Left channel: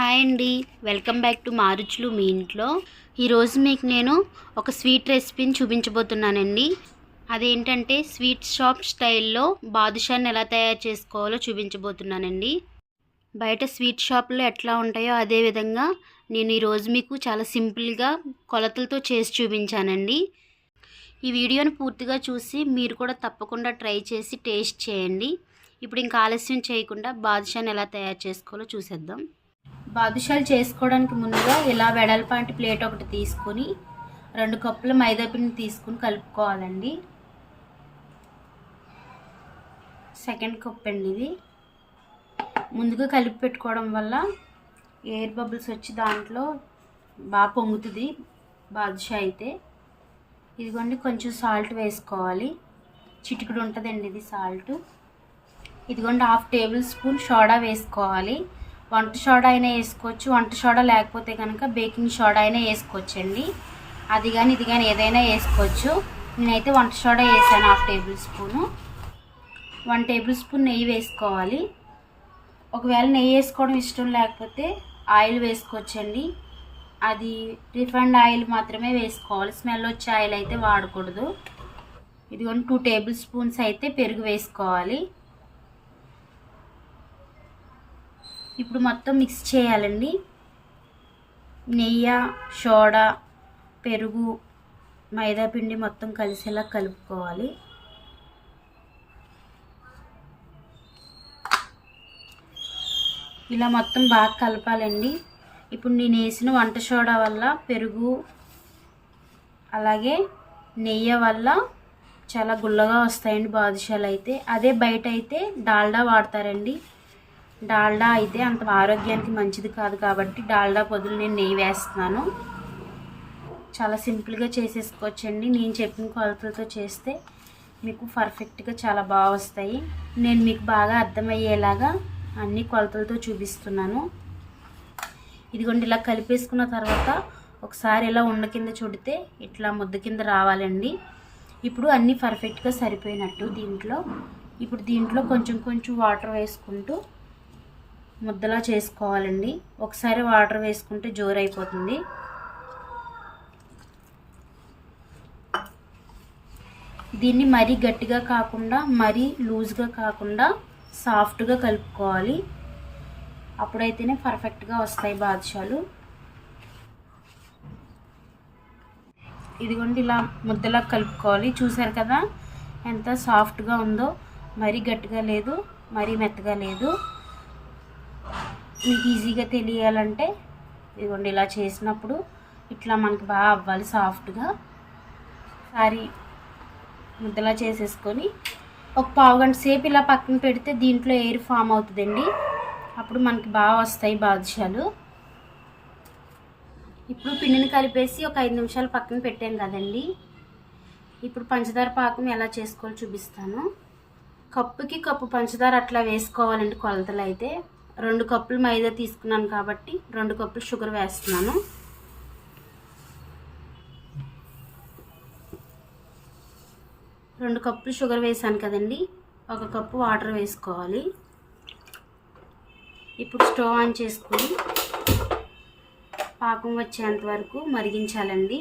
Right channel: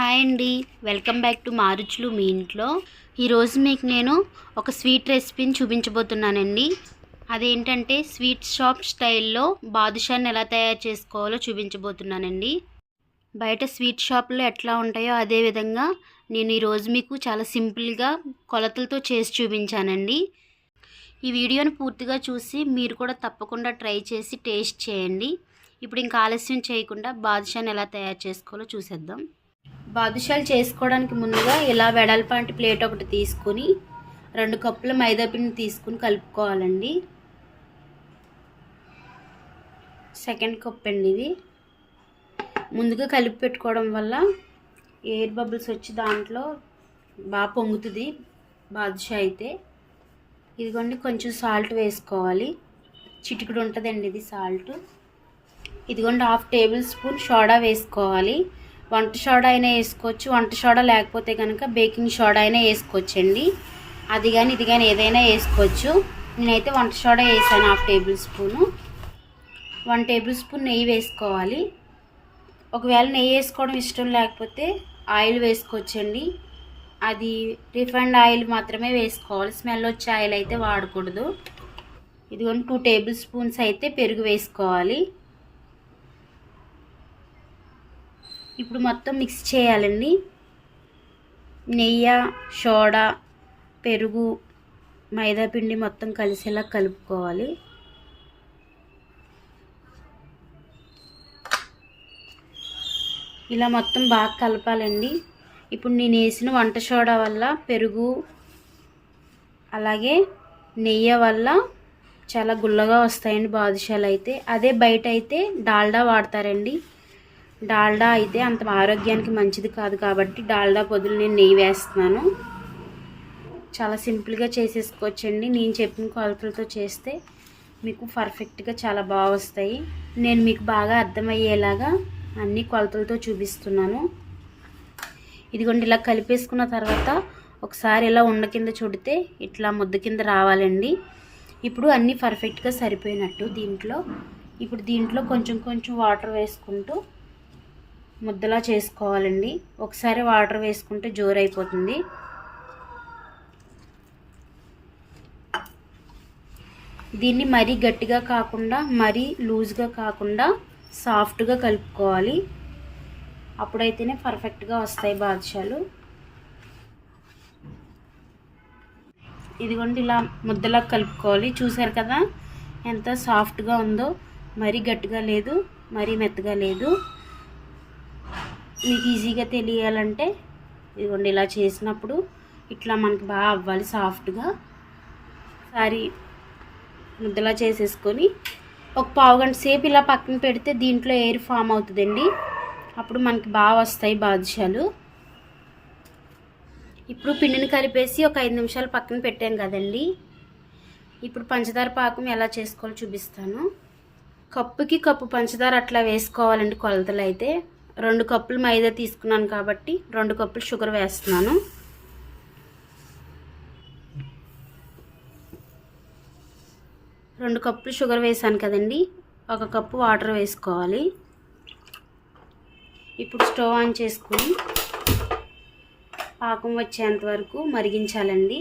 Hi అండి. Welcome back to మారుచులు మీ ఇంట్లో. ఈరోజు మీకు నేను ఒక స్వీట్ రెసిపీని చూపించబోతున్నానండి. అదేంటంటే స్వీట్ షాప్ స్టైల్లో బాదుషాని ఎలా తయారు చేసుకోవాలో చూపించబోతున్నానండి. బయట స్వీట్ షాప్లో ఎట్లా ఉంటాయో అదే విధంగా నేను ఈరోజు మీకు చాలా సింపుల్గా కొలతలతో చేసి చూపించానండి. ఈ వీడియోని పూర్తిగా చూసి మీరు కూడా తప్పకుండా ట్రై చేసి టేస్ట్ చేయండి. ఇప్పుడు ఇంకా ఆలస్యం చేయకుండా బాదుషాని ఎలా తయారు చేసుకోవాలో చూసేద్దాం. బాదుషాలు చేసుకోవడానికి ముందుగా ఇలా వెడల్పాంటి ప్లేట్ ఒకటి తీసుకుని రెండు కప్పుల మైదా పిండి తీసుకుని కలుపుకోవాలండి. సెకండ్ కప్ అండి ఇది. ముందుగా కలిపి పెట్టుకోవడం వల్ల ఎయిర్ బబుల్స్ వచ్చి దాంట్లో బాగా పొంగుతుంది బాదుషా అయితే. ఇదిగోండి కొంచెం సాల్ట్ వేసుకోవాలి. చిటికుడు ఉంటుందండి ఇది సాల్ట్. ఇదిగోండి హాఫ్ టేబుల్ స్పూన్ సోడా వేసుకోవాలి. వంట సోడా అయినా వేసుకోవచ్చు. వంట సోడా లేకపోతే కనుక బేకింగ్ సోడా అయినా వేసుకోవచ్చండి. అది కానీ ఇది కానీ ఏదైనా వేసుకోవచ్చు. నేనైతే వంట సోడా వేసాను half tablespoon. One tablespoon నెయ్యి వేసుకోవాలి. ఒకవేళ నెయ్యి వేసుకోవడం ఇష్టం లేకపోతే ఆయిల్ వేసుకోవచ్చండి. అది రిఫైండ్ ఆయిల్ మాత్రమే వేసుకోవాలి. స్మెల్ వచ్చే ఆయిల్ అయితే వాడకూడదు. ఇదిగోండి టూ టేబుల్ స్పూన్స్ అయితే పెరుగు వేసుకోవాలి. ఇప్పుడు మొత్తం మిక్స్ చేయాలండి. నెయ్యి సోడా పెరుగు మైదాపిండి మొత్తం కలిసేలా కలుపుకోవాలి. ఇలా మొత్తం బాగా కలపాలండి. ఇప్పుడు నేను వేసిన వంట సోడా వల్ల పెరుగు అలాగే నెయ్యి వల్ల చాలా గుల్లగా వస్తాయండి బాదుషాలు అయితే. అదే బయట అయితే డాల్డా వాడతారండి. డాల్డా అయితే అంత ఆరోగ్యానికి మంచిది కాదు కాబట్టి డాల్డా పొదులు నేను నెయ్యి వేస్తున్నాను. చాలా సింపుల్గా చేసేసుకోవచ్చండి. నేను చెప్పిన కొలతలతో చేస్తే మీకు పర్ఫెక్ట్గా చాలా బాగా వస్తాయి. నేను మీకు బాగా అర్థమయ్యేలాగా అన్ని కొలతలతో చూపిస్తున్నాను. ఇదిగోండి ఇలా కలిపేసుకున్న తర్వాత ఒకసారి ఇలా ఉండ కింద చుడితే ఇట్లా ముద్ద కింద రావాలండి. ఇప్పుడు అన్నీ పర్ఫెక్ట్గా సరిపోయినట్టు దీంట్లో. ఇప్పుడు దీంట్లో కొంచెం కొంచెం వాటర్ వేసుకుంటూ ముద్దలా చేసుకోవాలండి. ఒకసారి వాటర్ వేసుకుంటే జోరైపోతుంది. దీన్ని మరీ గట్టిగా కాకుండా మరీ లూజ్గా కాకుండా సాఫ్ట్గా కలుపుకోవాలి. అప్పుడైతేనే పర్ఫెక్ట్గా వస్తాయి బాదుషాలు. ఇదిగోండి ఇలా ముద్దలా కలుపుకోవాలి. చూసారు కదా? ఎంత సాఫ్ట్గా ఉందో. మరీ గట్టిగా లేదు మరీ మెత్తగా లేదు. మీకు ఈజీగా తెలియాలంటే ఇదిగోండి ఇలా చేసినప్పుడు ఇట్లా మనకి బాగా అవ్వాలి సాఫ్ట్గా. సారీ ముద్దలా చేసేసుకొని ఒక పావు గంట సేపు ఇలా పక్కన పెడితే దీంట్లో ఎయిర్ ఫామ్ అవుతుందండి. అప్పుడు మనకి బాగా వస్తాయి బాదుషాలు. ఇప్పుడు పిండిని కలిపేసి ఒక ఐదు నిమిషాలు పక్కన పెట్టాం కదండి. ఇప్పుడు పంచదార పాకం ఎలా చేసుకోవాలో చూపిస్తాను. కప్పుకి కప్పు పంచదార అట్లా వేసుకోవాలండి కొలతలు అయితే రెండు కప్పులు మైదా తీసుకున్నాను కాబట్టి రెండు కప్పులు షుగర్ వేస్తున్నాను. రెండు కప్పులు షుగర్ వేసాను కదండి. ఒక కప్పు వాటర్ వేసుకోవాలి. ఇప్పుడు స్టవ్ ఆన్ చేసుకుని పాకం వచ్చేంత వరకు మరిగించాలండి.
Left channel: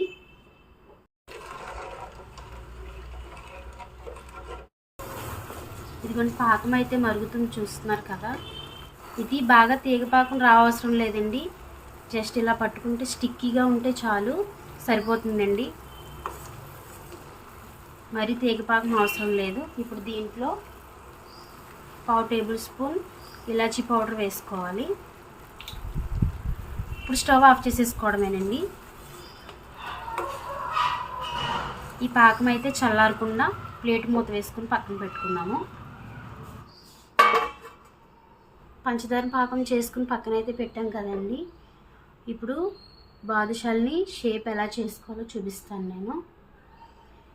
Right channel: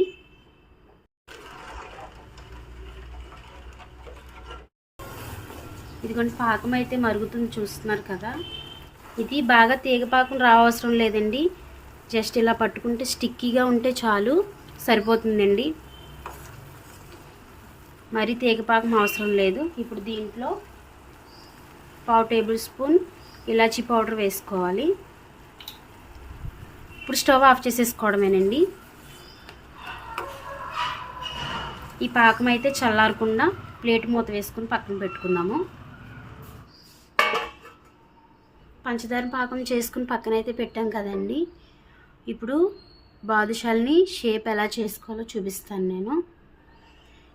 ఇదిగోండి పాకం అయితే మరుగుతుంది చూస్తున్నారు కదా. ఇది బాగా తీగపాకం రావసరం లేదండి. జస్ట్ ఇలా పట్టుకుంటే స్టిక్కీగా ఉంటే చాలు సరిపోతుందండి. మరి తీగపాకం అవసరం లేదు. ఇప్పుడు దీంట్లో పావు టేబుల్ స్పూన్ ఇలాచీ పౌడర్ వేసుకోవాలి. ఇప్పుడు స్టవ్ ఆఫ్ చేసేసుకోవడమేనండి. ఈ పాకం అయితే చల్లారకుండా ప్లేట్ మూత వేసుకుని పక్కన పెట్టుకుందాము. పంచదార పాకం చేసుకుని పక్కన అయితే పెట్టాం కదండి. ఇప్పుడు బాదుషాల్ని షేప్ ఎలా చేసుకోవాలో చూపిస్తాను నేను.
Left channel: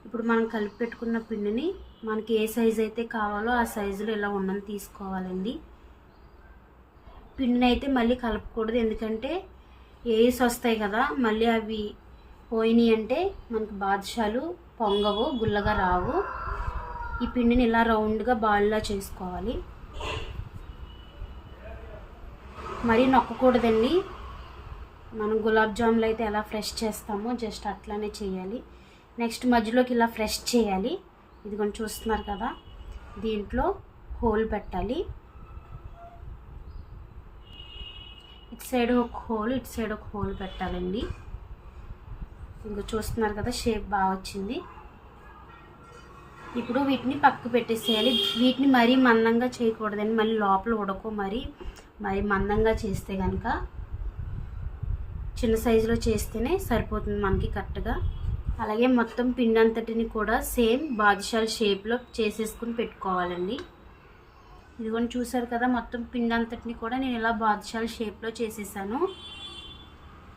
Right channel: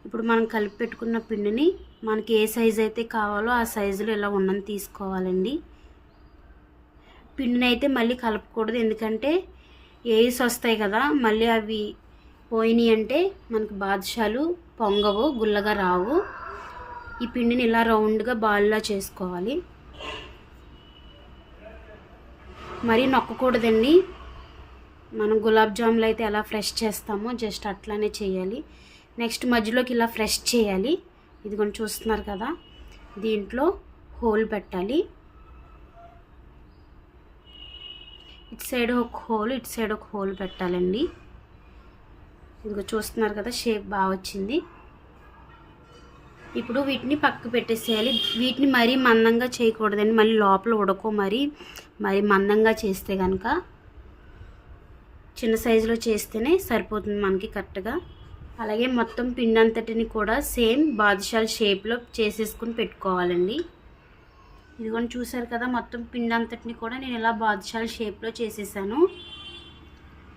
ఇప్పుడు మనం కలిపి పెట్టుకున్న పిండిని మనకి ఏ సైజు అయితే కావాలో ఆ సైజులో ఇలా ఉన్నది తీసుకోవాలండి. పిండిని అయితే మళ్ళీ కలపకూడదు ఎందుకంటే ఎయిర్స్ వస్తాయి కదా మళ్ళీ అవి పోయినాయి అంటే మనకు బాదుషాలు పొంగవు గుల్లగా రావు. ఈ పిండిని ఇలా రౌండ్గా బాల్లా చేసుకోవాలి. మరీ నొక్కకూడదండి. మనం గులాబ్ జాములు అయితే ఎలా ఫ్రెష్ చేస్తామో జస్ట్ అట్లానే చేయాలి. నెక్స్ట్ మధ్యలోకి ఇలా ఫ్రెష్ చేయాలి. ఇది కొంచెం చూస్తున్నారు కదా. దీంట్లో హోల్ పెట్టాలి. ఇటు సైడ్ ఒక హోల్ ఇటు సైడ్ ఒక హోల్ పెట్టాలండి. ఇంకా చూస్తున్నారు కదా షేప్ బాగా వచ్చింది. ఇప్పుడు వీటిని పక్కకు పెట్టేసేయాలి. వీటిని మరీ మందంగా చేయకూడదండి. మళ్ళీ లోపల ఉడకో మరి మరి మందంగా చేస్తే కనుక చిన్న సైజులో చేస్తేనే సరిపోతుంది మనకి కరెక్ట్గా. అలాగే మొత్తం పిండి అంతటిని కూడా సేమ్ బాదుషాల షేప్లో చేసేసుకుని పెట్టుకోవాలండి. ఇదిగోని చూసారు కదా మొత్తం పిండి అంతటిని కూడా నేను ఇలా బాదుషాల షేప్లో చేసేసాను.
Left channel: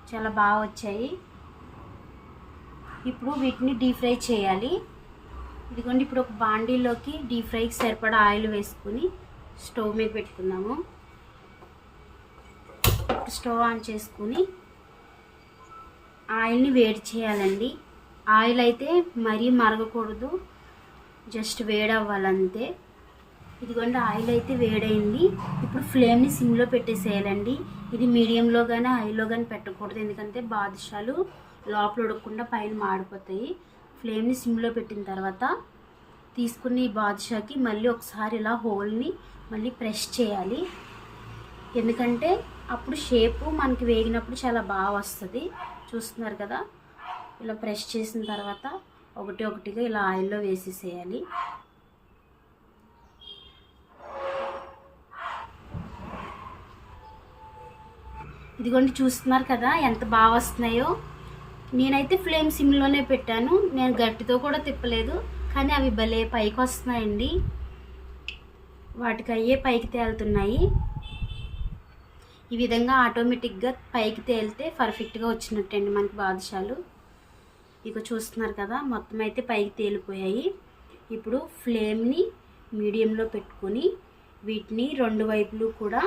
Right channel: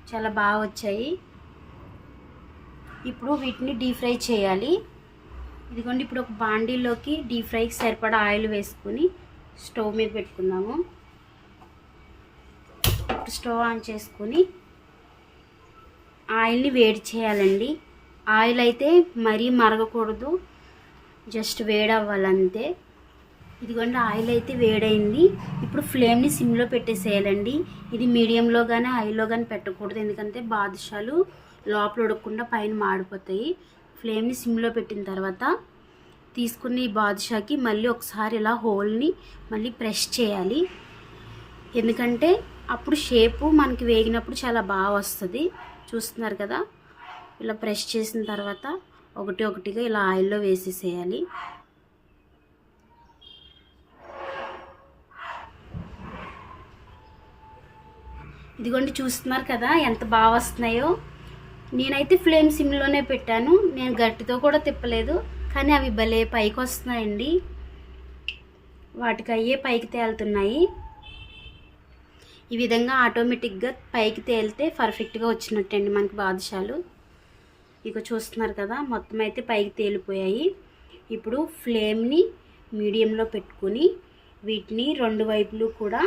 చాలా బాగా వచ్చాయి. ఇప్పుడు వీటిని డీప్ ఫ్రై చేయాలి. ఇదిగోండి ఇప్పుడు ఒక బాండీలోకి డీప్ ఫ్రైకి సరిపడా ఆయిల్ వేసుకుని స్టవ్ మీద పెట్టుకుందాము. స్టవ్ ఆన్ చేసుకుని ఆయిల్ని వేడి చేయాలండి. ఆయిల్ అయితే మరీ మరగకూడదు జస్ట్ వేడవ్వాలంతే. ఇదిగోండి ఆయిల్ అయితే వేడైంది. ఇప్పుడు ఫ్లేమ్ని సిమ్లో పెట్టేసేయాలండి. ఇది మీడియంలో కానీ హైలో కానీ పెట్టకూడదు ఎందుకంటే బాదుషాలు లోపల ఉడకకుండా పైన మాడిపోతాయి. ఫ్లేమ్ని సిమ్లో పెట్టిన తర్వాత తీసుకున్న ఈ బాదుషాకి మళ్ళీ ఒకసారి ఇలా హోల్ని మళ్ళీ ప్రెస్ చేయాలి. ఎందుకంటే అప్పుడు షేపు మనకి వేగినప్పుడు చాలా బాగా వస్తుంది. చూస్తున్నారు కదా? ఇలా ప్రెస్ చేసిన తర్వాత ఒకటి ఒకటిగా ఇలా ఆయిల్లో వేసేసేయాలి. ఇదిగోండి చూస్తున్నారు కదా ఎంత బాగా వస్తున్నాయో? నేనైతే ఫ్లేమ్ సిమ్లోనే పెట్టాను. నేను గట్టితో కూడా తిప్పలేదు కానీ అవి భలే పైకి వస్తున్నాయండి వాటికి అయ్యే పైకి తేలుతున్నాయి. ఈ విధంగా ఆటోమేటిక్గా పైకి తేలితే పర్ఫెక్ట్గా వచ్చినట్టండి మనకి బాదుషాలు. ఇక చూస్తున్నారు కదా మొత్తం అయితే పైకి తేలిపోయాయి. ఇప్పుడు ఫ్లేమ్ని మీడియంలో పెట్టుకుని వీటిని రెండు వైపులు కూడా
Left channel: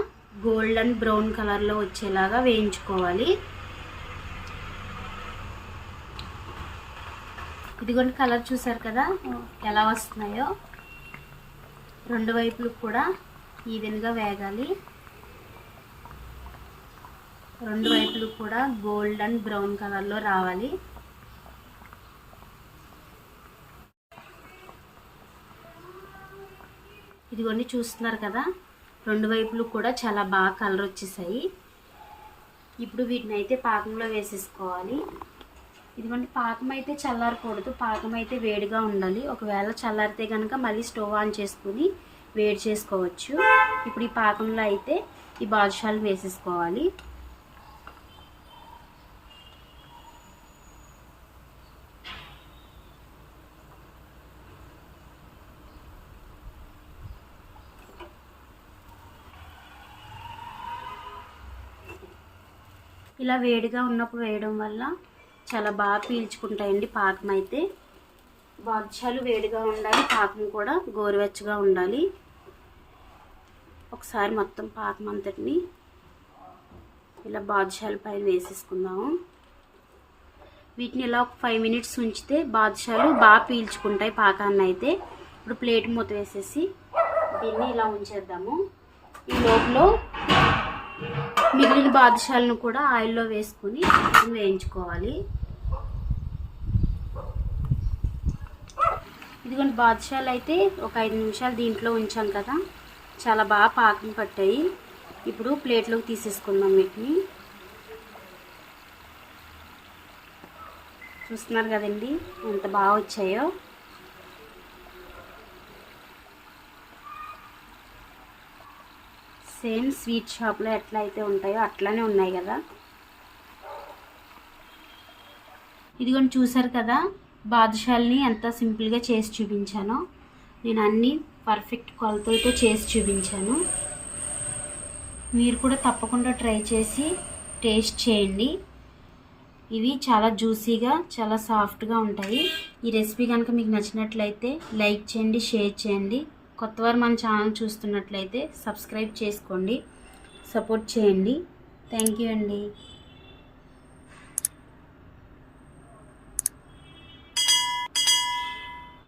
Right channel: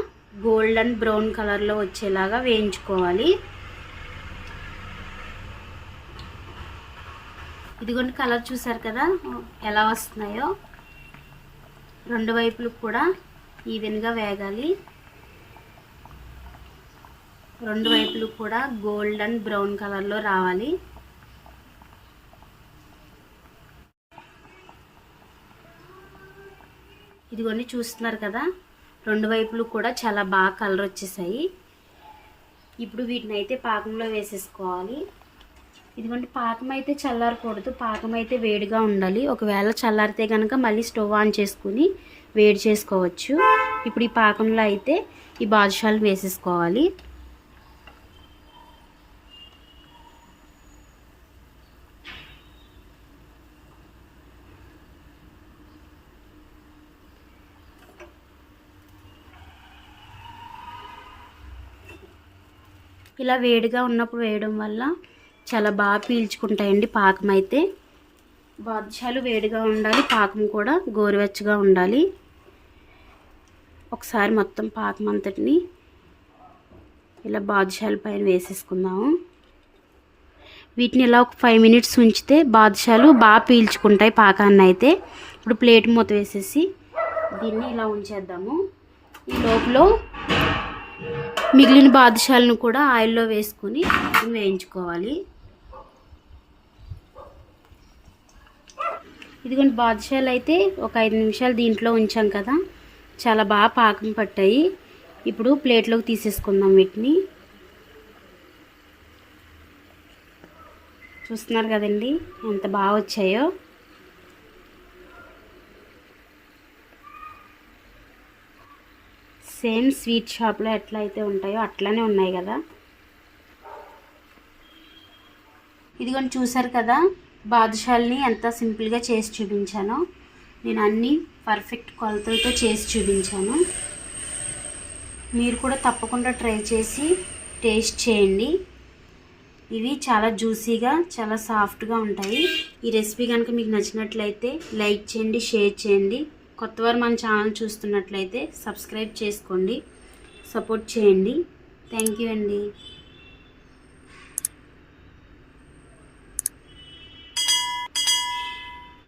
గోల్డెన్ బ్రౌన్ కలర్లో వచ్చేలాగా వేయించుకోవాలి. ఇదిగోండి కలర్ చూసారు కదా? ఎలా వస్తున్నాయో? రెండు వైపులు కూడా ఈవెన్గా వేగాలి. రెండు వైపులు కూడా గోల్డెన్ బ్రౌన్ కలర్లో రావాలి. ఇదిగోండి చూస్తున్నారు కదా? రెండు వైపులు కూడా చాలా బాగా కలర్ వచ్చేసాయి. ఇప్పుడు వీటిని అయితే పాకంలో వేసేసుకోవాలి. ఇదిగోండి పాకం అయితే చల్లారకూడదు. పాకం అయితే వేడిగా ఉండాలి. ఒకవేళ చల్లారితే కనుక మళ్ళీ స్టవ్ ఆన్ చేసుకుని వేడి చేసుకోవచ్చు. ఇప్పుడు ఈ పాకంలో అయితే ఈ బాదుషాలు వేసేసుకోవాలి. ఇలా వేడిగా ఉన్నప్పుడు వేయడం వల్ల చాలా బాగా పీల్చుకుంటాయండి పాకం అయితే బాదుషాలు వేడిగా ఉండాలి పాకం కూడా గోరువెచ్చగా ఉండాలి. ఒకసారి మొత్తం పాకం అంతటిని ఇలా బాదుషాల పైన వేసేసుకుందాము. వీటిని ఇలా ఒక ఫైవ్ మినిట్స్ ఉంచితే బాదుషాలు బాగా పీల్చుకుంటాయి పాకాన్ని అయితే. ఇప్పుడు ప్లేట్ మూత వేసేసి దీన్ని ఇలా ఉంచేద్దాము. ఈ లోపల మిగిలిన బాదుషాలను కూడా ఆయిల్లో వేసుకుని వేయించుకోవాలి. ఇదిగోండి బాదుషాలు అయితే ఒక ఐదు నిమిషాలు దీంట్లో ఉంచాం కదా. చాలా బాగా పాకం పట్టాయి. ఇప్పుడు ప్లేట్లోకి తీసేసుకుందాం వీటిని. చూస్తున్నారు కదండి ఎంత బాగా వచ్చాయో. సేమ్ స్వీట్ షాప్లో ఎట్లా అయితే ఉంటాయో అట్లానే ఉన్నాయి కదా. ఇదిగోండి చూసారు కదా. బాదుషాల్ని ఎంత సింపుల్గా చేసి చూపించానో నేను అన్నీ పర్ఫెక్ట్ కొలతలతో చేసి చూపించాను. మీరు కూడా తప్పకుండా ట్రై చేసి టేస్ట్ చేయండి. ఇవి చాలా జ్యూసీగా చాలా సాఫ్ట్గా ఉంటాయి. ఈ రెసిపీ కనుక మీకు నచ్చినట్లయితే లైక్ చేయండి షేర్ చేయండి. కొత్తవారు మన ఛానల్ చూస్తున్నట్లయితే సబ్స్క్రైబ్ చేసుకోండి సపోర్ట్ చేయండి. థ్యాంక్ యూ అండి.